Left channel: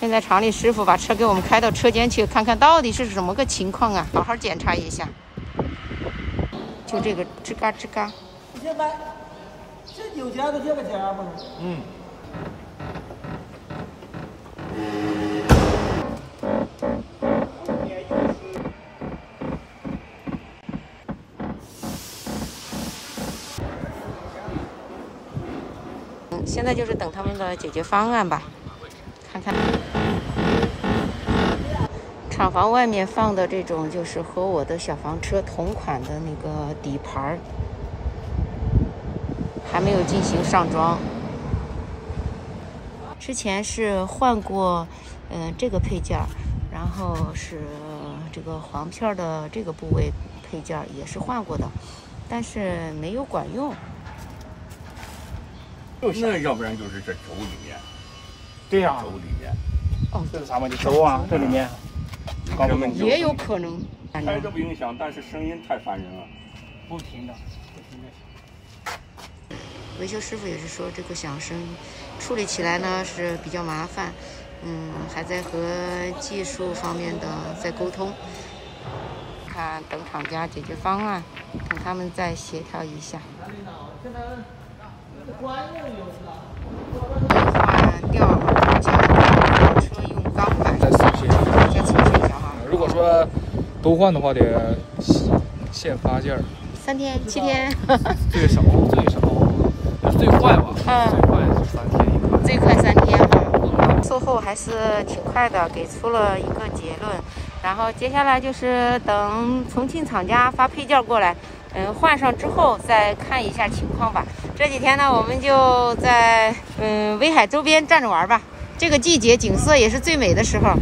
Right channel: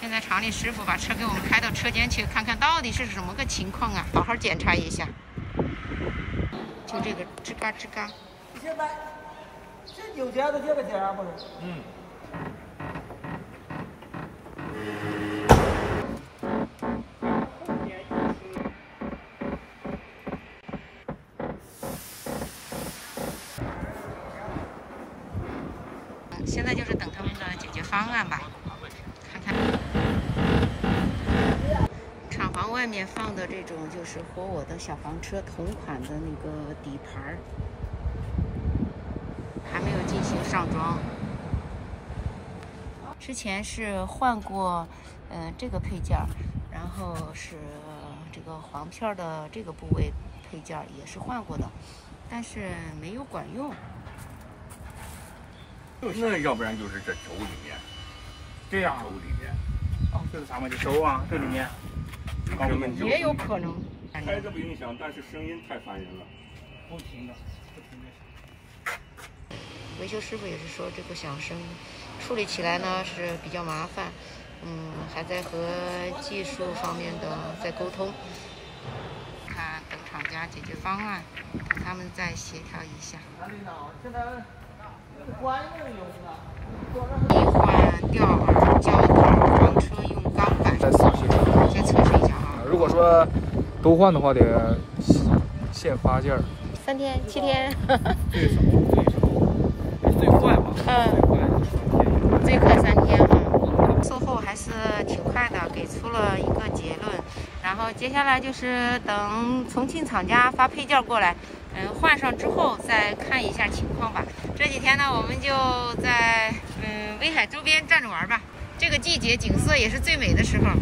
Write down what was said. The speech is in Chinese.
现在厂里师傅把车给我们开到车间去，看看到底是怎么个情况啊，好好检查一下。就这个吱嘎吱嘎。现在这9天都这个钱不是？嗯。现在就是等他们的解决方案吧，看看。厂房外面放的这种就是和我的小房车同款的那个底盘，还没有进行上装。之前是换过，这个配件，然后是这个簧片的这个部位配件也是换过的，但是没有管用。那要不然就是这轴里面，对呀，轴里面。哦，这个啥问题？轴啊，这里面。也有可能。开着不影响，但是声音太烦人了，不停的。维修师傅也是说，这个响声处理起来呢是比较麻烦，还在和技术方面的在沟通，看等厂家解决方案，看他们再协调一下。换吊耳胶，车用钢板，再测试一下哈。如果说都换的话，得限发件3天、7天，最少最快吧，最快3天哈。售后还是挺快的，给出了一个结论。然后接下来就是等重庆厂家发配件过来，换上之后再看一下情况吧。这几天呢，我们就在威海周边转着玩吧。这个季节景色也是最美的时候。